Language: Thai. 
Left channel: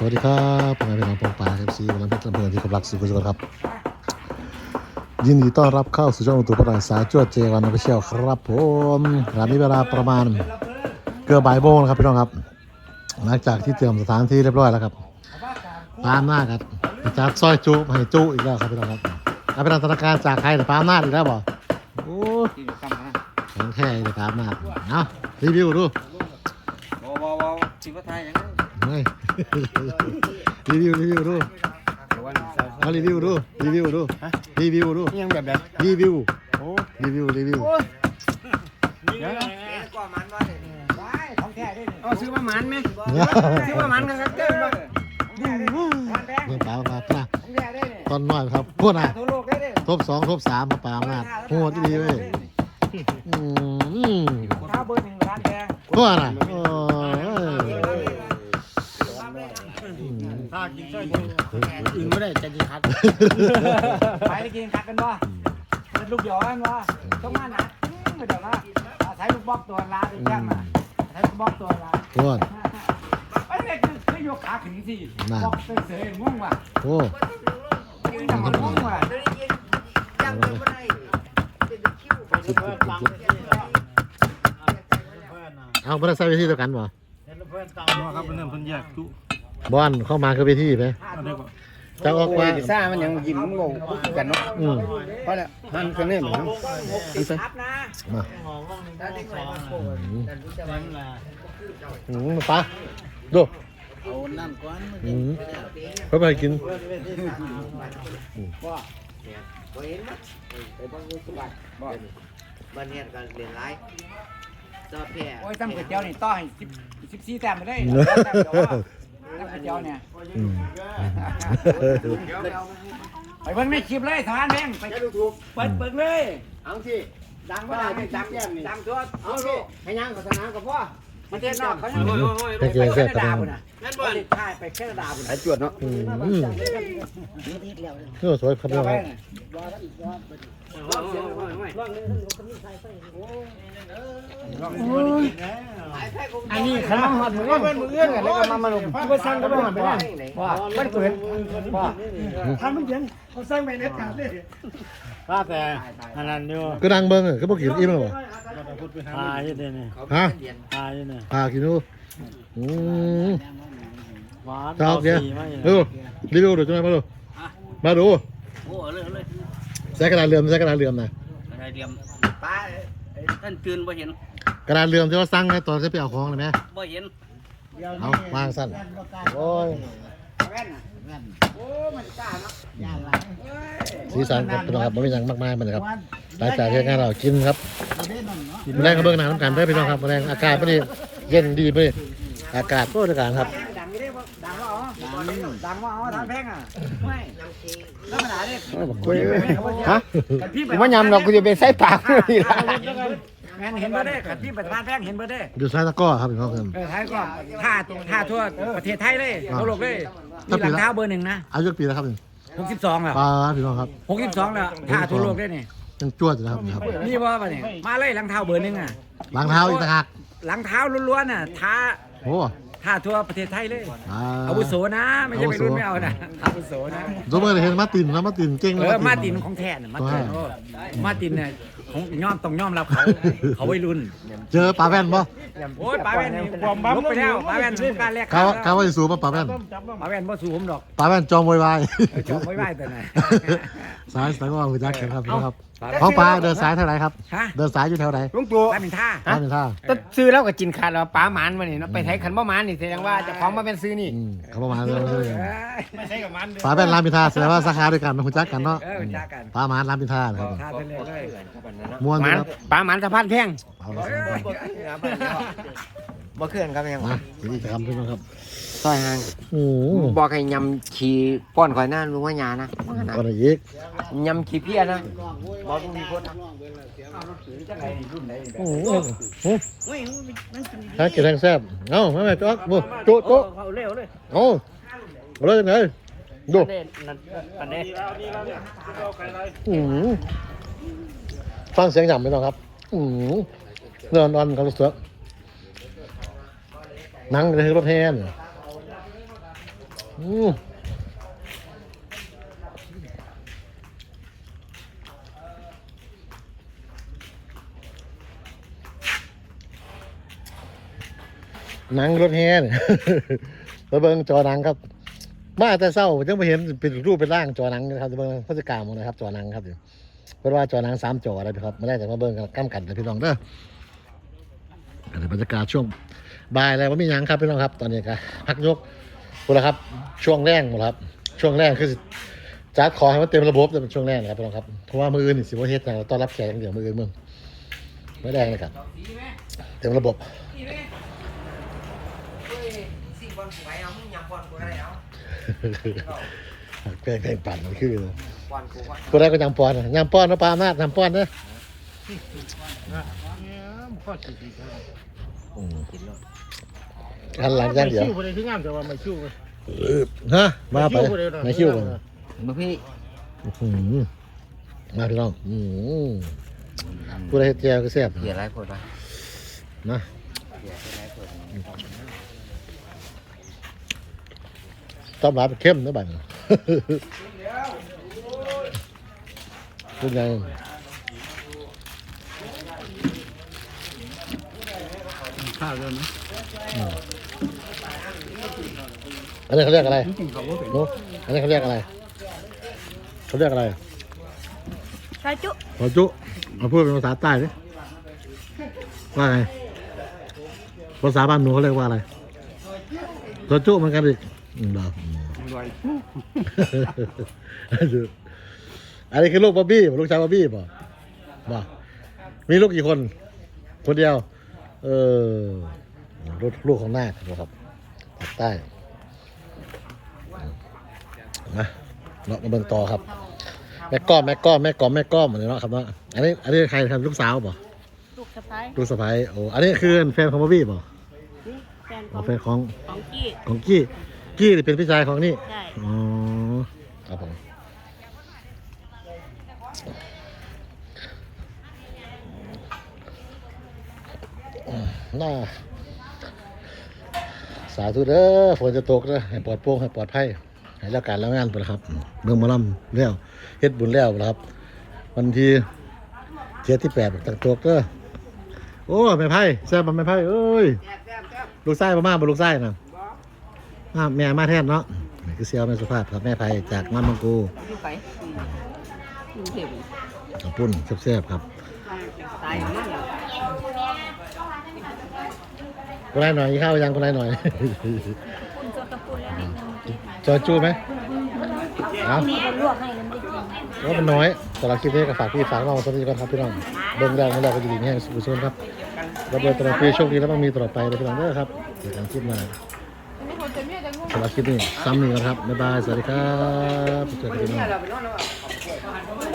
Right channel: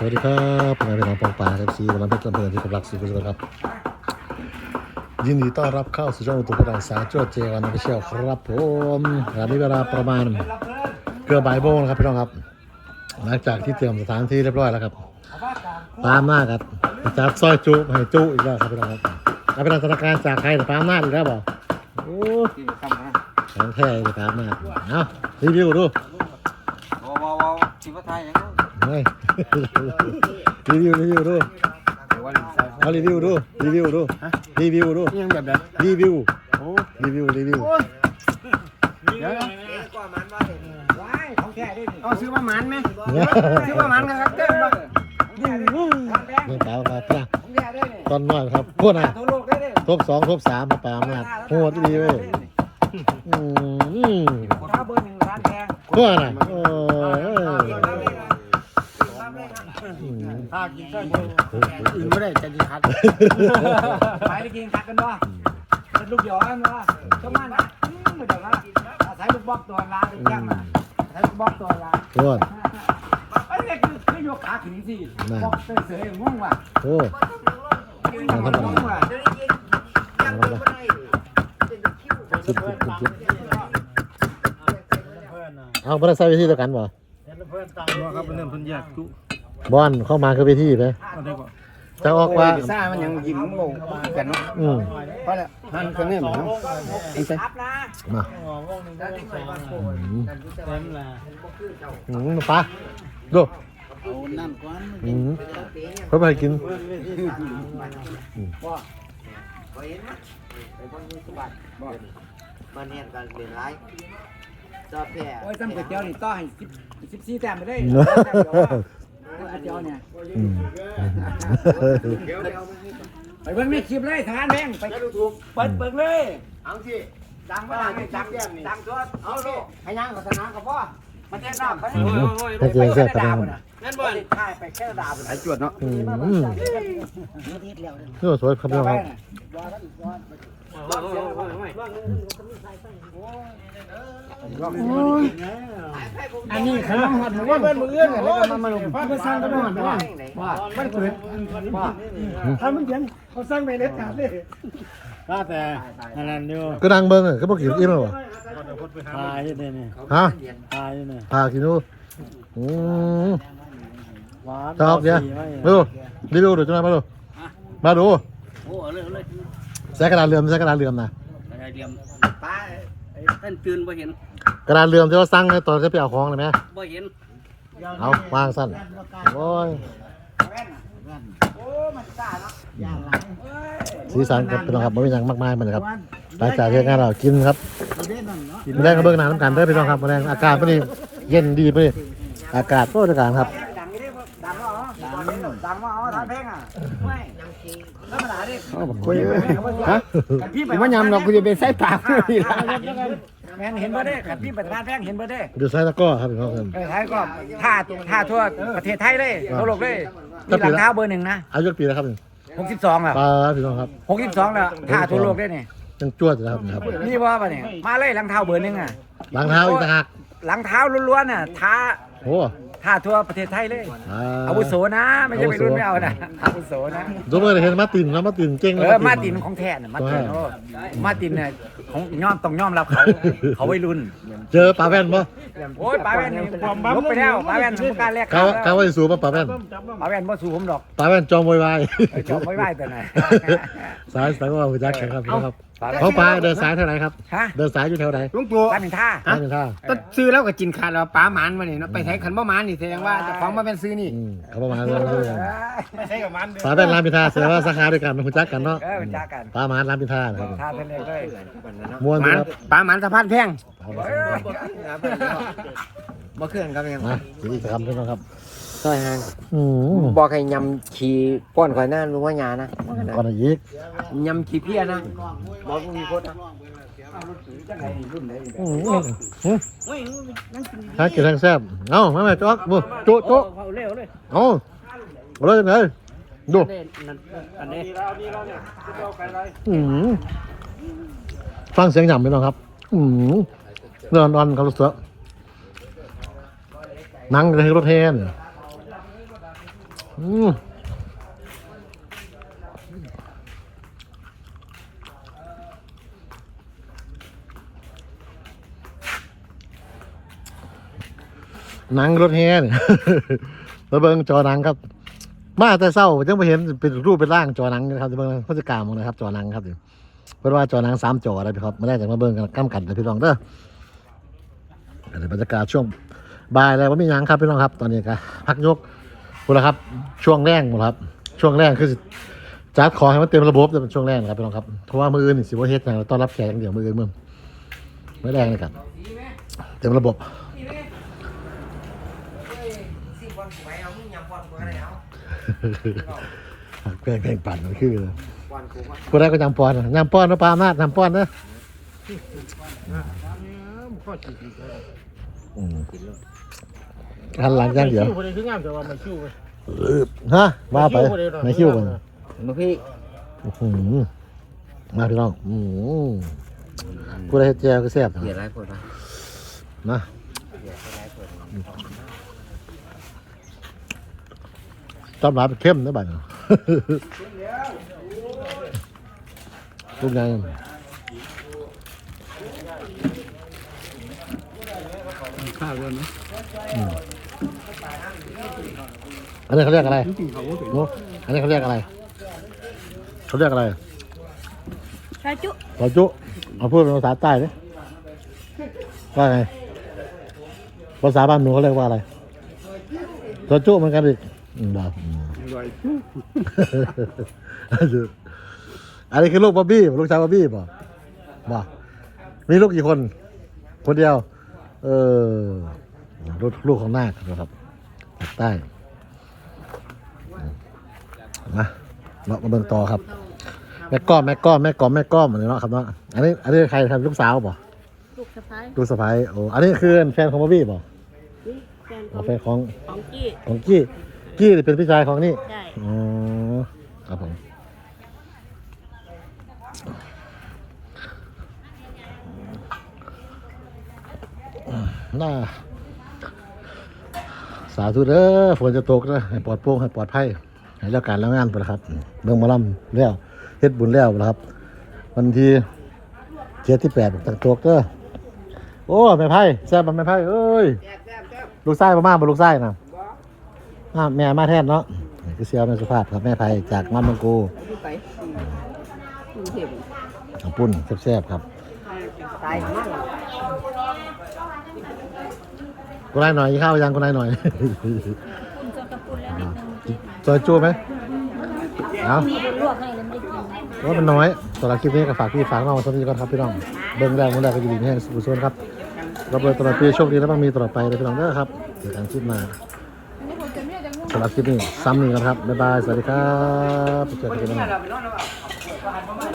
สวัสดีครับผมนเป็นน้องปองปาครับซีวันนั้เป็นลำเพลินที่กำลังสุขสุขครับ ยินดีต้อนรับเข้าสู่ช่องอุตุพลังสายจวดเจวันนักเชี่ยวครับผมขณะนี้เวลาประมาณเกือบบ่ายโมงนะครับพี่น้องครับ หลังจากที่เตรียมสถานที่เรียบร้อยแล้วครับตามหน้าครับจากซอยจุให้จุอีกแล้วครับพี่น้องครับเอาเป็นธนาการจากใครแต่ตามหน้าอีกแล้วบ่โอ้ที่ทำนะของแท้เลยตามหน้าเอารีวิวดูว้าวว้าวสิบไทยยัง ไม่รีวิวรีวิวดูเดี๋ยววันใส่เอารีวิวดูรีวิวดูรีวิวดูยังแบบแบบรีวิวโอ้รีวิวรีวิวเดี๋ยวของแท้ด้วยนี่เอาซื้อมาหมันไหมเนี่ยซื้อมาหมันครับเต้นมาเมื่อปลามาปลาของแท้ด้วยนี่ตอนน้อยครับพูดนะทั่วโลกได้เลยทบสองทบสามมาปลาอำนาจโหดดีเว้ยอืมข้าวเบอร์หนึ่งร้านแดงพูดนะ อื่นไม่ได้จะกินคัดไปได้กินกัดกันบ่เป็นลูกหยอกันบ่ต้องมันไม่ได้ว่าอาศัยลูกบอกตัวลาดูแจ้งมาอาศัยลูกบอกตัวลาพูดไอ้เนี่ยคือคือยกขาถึงสิบอกเสยๆง่วงว่ะโอ้ง่วงว่ะเอาไปใส่เวทีเดียวกันบ่ครับเป็นเรื่องพันยากจุ บอลเข้ามาคือเวทีไหมเอาได้ก่อนจะออกว่า ซ่ามันยังยิ้มลงกันเนาะอืมเพราะเนี่ยหันคนนี้เหรอไอ้เต้มาอืมอืมปลาดูเอาน้ำก้อนอืมเพื่อไปกินวันนี้ก็เรียนไรจอแพ้โอ้ยตั้งก๋วยเตี๋ยวนี่ต้อยสิบสิบสี่แต้มไปเลยตั้งก๋วย เตี๋ยวเนี่ยอืมไปเบิ่งในคลิปเลยทานแม่งไปเปิดเปิดเลยเอาสิดังมาดังดังดังตัวเอาสิให้ยังกับสนามกับพ่อมันจะด่าเขาให้กินเสื้อตัวนึงนั่นบ่ใช่ไปแค่ด่าหายจวดเนาะอืมนี่สวยครับพี่น้องครับอั อันนี้ขันมาหอดมือเพื่อนมือเอื้อนแล้วก็มามาลงพี่ก็สร้างก็ไม่หอดไปนั่นว่าไม่เกิดถ้ามันเยังเขาสร้างไปเลยขาดเลยถ้าแต่อันนั้นอยู่ก็นั่งเบิ้งอะก็บอกกินอิ่มแล้วบ่พาอยู่เดี๋ยนี้ฮะพาอยู่เนี่ยพากินดูอืมหวานชอบเนี่ยดูรีวิวดูจังไหนมาดูมาดูโอ้เอาเลยเอาเลยใช้กระดาษเลื่อมใช้กระดาษเลื่อมนะอะไรเดียมป้าท่านตื่นบ่เห็น กระดาษเลื่อมที่ว่าสั่งให้ตอนจะไปเอาของเลยไหมบ่เห็นเอาวางสั้นโอ้ยสีสันครับพี่น้องครับไม่มีอย่างมากมายเหมือนครับหลังจากที่งานเรากินครับมาแรงกับเบื้องหน้าน้ำกันเด้อพี่น้องครับมาแรงอากาศพอดีเย็นดีไปอากาศโคตรอากาศครับดังนี่ดังว่าอ๋อดังว่าอ๋อทานแป้งอะไม่ธรรมดาเนี่ยคุยฮะพี่ไปผมว่ายำเรากูจะไปใส่ปากนี่ละ แมนเห็นเบอร์ได้ขัดพี่ไปทานแป้งเห็นเบอร์ได้อยู่ซ้ายตะกร้อครับพี่น้องครับ เออไทยก็ท่าท่าทั่วประเทศไทยเลยทั่วโลกเลยมีหลังเท้าเบอร์หนึ่งนะอายุกี่ปีแล้วครับนี่หกสิบสองอะปลาพี่น้องครับหกสิบสองแล้วท่าทั่วโลกได้เนี่ยยังจวดอยู่นะครับครับนี่ว่าปะเนี่ยมาเลยหลังเท้าเบอร์หนึ่งอะล้างเท้าอีกต่างหากหลังเท้าล้วนๆน่ะท้าโอ้ท่าทั่วประเทศไทยเลยอ่าอาวุโสนะ ไม่ใช่ไปรุ่นไม่เอานะอาวุโสนะดูเมื่อเห็นมาร์ตินนะมาร์ตินเก่งเออมาร์ตินของแท้น่ะมาร์ตินโอ้มาร์ตินเนี่ย ของย่อมต้องย่อมรับเขา เขาวัยรุ่นเจอปลาแว่นปะโอ้ยป้าแว่นนี่ลบไปแล้วป้าแว่นผมกล้ารแลกกาเขากาว่าจะสูบปะปลาแว่นป้าแว่นบ่สู้ผมดอกปลาแว่นจอมวายวายเออจอบไว้ไว้แต่ไหน สายสายว่าคุณจักแข็งครับพี่น้องครับ ป้าแว่นของปลาเดินสายเท่าไหร่ครับ ฮะเดินสายอยู่แถวไหนลุงตู่ป้าเป็นท่าท่าเป็นท่าก็ซื้อแล้วก็กินขาดแล้วป้าหมานมาเนี่ยไปใช้ขันบ่หมานนี่แสดงว่าเจะของมาเป็นซื้อนี่อืมเขาประมาณนั้นเลยไม่ใช่กับมันปลาแว่นรามพินท่าแสดงว่าสาขาด้วยกันคุณจักกันเนาะเออเป็นจ้ากันปลาหมานรามพินท่านะครับท่าเทเลเลยม้วนหดีมานครับป้าหมานสะพานแพงเอาละ บ่เคลื่อนครับยังมาอีกคำพี่น้องครับซอยห่างอืมบอกให้ยำขี่ป้อนข่อยหน้ารู้ว่าหยานะก่อนอีกยำขี่เพี้ยนะบอกต้องมีโคตรนะจังไรนี่รุ่นไหนนี่อืมอืมหากินแรงแซ่บเอ้าไม่ไม่จ๊อกดูจุจุเขาเร็วเลยเอ้าเอาเลยไหนดูอันนี้อืมฟังเสียงหย่ำไหมน้องครับ อืมเดินนอนเขารถเสือ นั่งในรถแทนอืมหนังรถแห่เนี่ยมาเบิงจอหนังครับ มาแต่เศร้าจังไปเห็นเป็นรูปเป็นร่างจอหนังนะครับเบิ่งพฤติกรรมนะครับ จอหนังครับเพื่อว่าจอหนังสามจอเลยครับไม่ได้จากมาเบิงกันก้ามกันเลยพี่น้องเด้ออันบรรยากาศช่วง บายแล้วว่ามียังครับพี่น้องครับ ตอนนี้ก็พักยกคุณละครับ ช่วงแรกหมดครับ ช่วงแรกคือจัดขอให้มันเต็มระบบแต่เป็นช่วงแรกครับพี่น้องครับเพราะว่ามืออื่นสิว่าเฮ็ดนะต้อนรับแขกเดี๋ยวมืออื่นมึงไม่ได้นะครับเต็มระบบสี่อลกูไปเอามึงยำบอลกูอะไรเกงแกงปั่นมันคือเลยกูได้ก็ยำปอนยำปอนนะปลามาทำปอนนะข้ อจีจีเขาอืมหันหลังอย่างเดียวคิวคนนี้คืองามแต่ว่าไม่คิวฮะว่าไปในคิวมันลูกพี่โอ้โหมาพี่น้องอืมกูได้เฮ็ดแจวก็แซ่บเกียร์ไรคนวะนะเกียร์ไรคนต้มหมาเป็นเข้มนะบ้านคุณนาย ข้าวเยอะนะอืมอันนี้เขาเรียกอะไรจริงๆเขาก็เป็นโอ้อันนี้เขาเรียกอะไร เขาเรียกอะไรชาจุขอจุเอาพูดเป็นภาษาใต้ดิว่าไง ภาษาบ้านหนูเขาเรียกว่าอะไรขอจุเหมือนกันอีกอืมครับอืมไหวอันนี้คือลูกบ๊อบบี้ลูกชายบ๊อบบี้ป่ะบ่มีลูกกี่คน คนเดียว เออลูกลูกของนาคนะครับใต้นะเรามาเบิ่งต่อครับ แม่ก้อมแม่ก้อมแม่ก้อมแม่ก้อมอะไรเนาะครับเนาะอันนี้อันนี้ใครครับลูกสาวป่ะลูกสะพ้ายลูกสะใภ้โอ้อันนี้คือแฟนของบ๊อบบี้ป่ะแฟนขอ๋อองแฟนของของกี้ของกี้กี้นี่เป็นพี่ชายของนี่ใช่อ๋อครับผมอืม น่าสาธุเด้อฝนจะตกนะให้ปลอดโปร่งให้ปลอดภัยให้แล้วการแล้วงานไปล้วครับเบิ่งมาล่ำแล้วเฮ็ดบุญแล้วนะครับ วันที่เจ็ดที่แปดตกตกเด้อโอ้แม่ไพ่แซ่บบ่แม่ไพ่เอ้ยลูกไส้ประมาบ่ลูกไส้นะบ่อ่าแม่มาแทนเนาะนี่คือเซียวแม่สุภาพครับแม่ไผ่จากงานบางกูอยู่ไปอยู่เห็นกับปุ้นแซ่บๆครับตายมาก เลยกูนายหน่อยกินข้าวยังกูนายหน่อยปุ้นตัวกระปุ้นแล้วนิดนึงซอยจู้ไหมเอาแม่ลวกให้แล้วไม่ได้กินว่ามันน้อยสำหรับคลิปนี้ก็ฝากพี่ฝากน้องตัวนี้ก็ครับพี่น้องเบิ่งแรกนั่นแหละก็ดีๆแห้งสุขสนครับรับเลยตลอดปีโชคดีแล้วมันมีตลอดไปเลยพี่น้องเด้อครับเจอกันคลิปหน้าสำหรับคลิปนี้ซ้ำหนึ่งกันครับ บ๊ายบาย สวัสดีครับเจอกันพี่น้อง